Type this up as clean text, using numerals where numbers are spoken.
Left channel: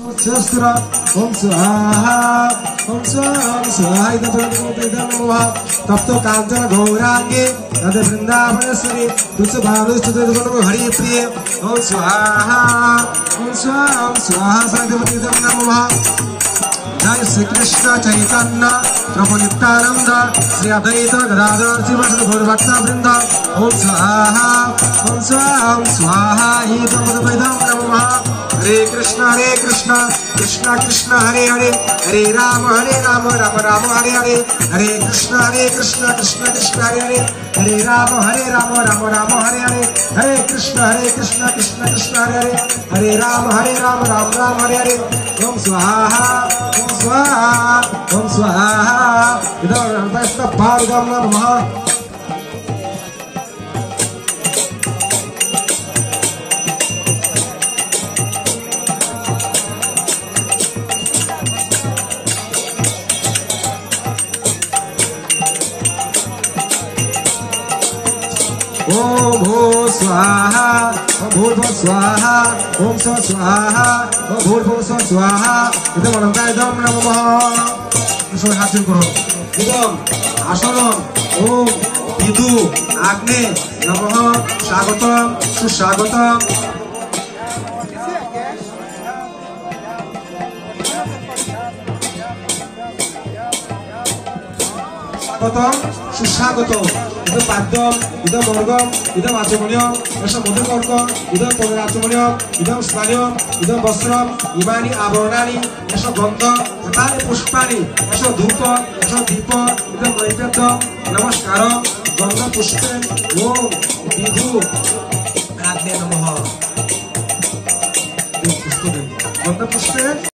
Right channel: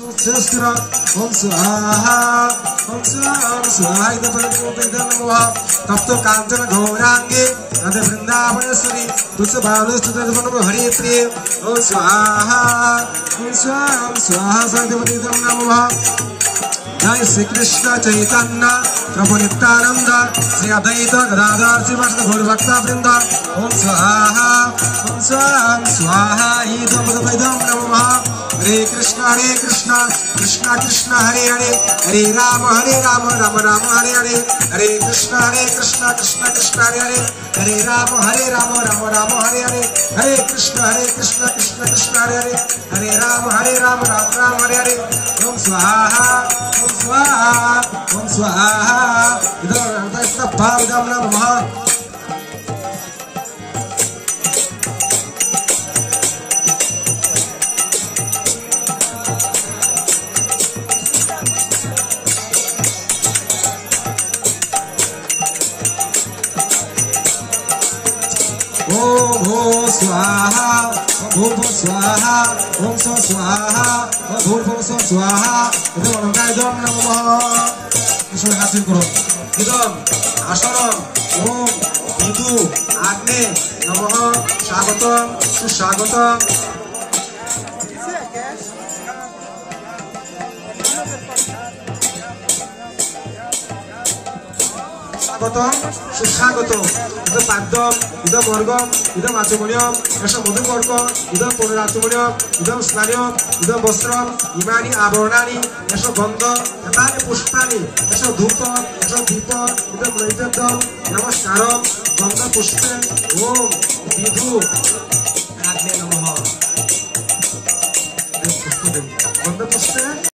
Sestra, Om Swaha, Om Swaha, Swaha, Ida Bhagavata Namaha, Tapto Kantana Gaurangi, Radha Vrindavasari, Tutsa Bhalu Sudha Namaha Hari Priya, Om Swaha, Om Swaha, Om Swaha, Bhagavata Namaha. Jai Sri Krishna Chaitanya, Prabhu Nityananda, Sri Advaita Gadadhar, Sri Vasudha Gaur Bhakta Vrinda, Om Swaha, Om Swaha, Om Swaha, Ida Bhagavata Namaha. Hare Krishna, Krishna Krishna, Hare Hare, Hare Rama, Rama Rama, Hare Hare, Hare Krishna, Krishna Krishna, Hare Hare, Hare Rama, Rama Rama, Hare Hare, Hare Krishna, Krishna Krishna, Hare Hare, Hare Rama, Rama Rama, Hare Hare. Om Swaha, Om Swaha, Om Swaha. Idam Namaste Bhagam Namaha. Om Bho Swaha, Om Bho Swaha, Om Sa Swaha, Om Bho Swaha. Itu orang kaya Idam Namaha. Iswar hasil karo. Idam Asanam, Om Vidu Agni Namaha. Swagatam, Suswagatam. Swagatam, Suswagatam. Idam Padam, Idam Morgam, Idam Achumanyam, Esa Mudhukarkam, Idam Punarachumanyam, Idam Snanyam, Idam Vastram, Imani Abharanani, Esa Gandha, Tatani Pushpani, Esa Dhupa, Esa Deepa, Idam Naivyadyam, Namaskaram, Gandha Pushpe, Om Vidhu Agni Namaha. Gandha Pushpe.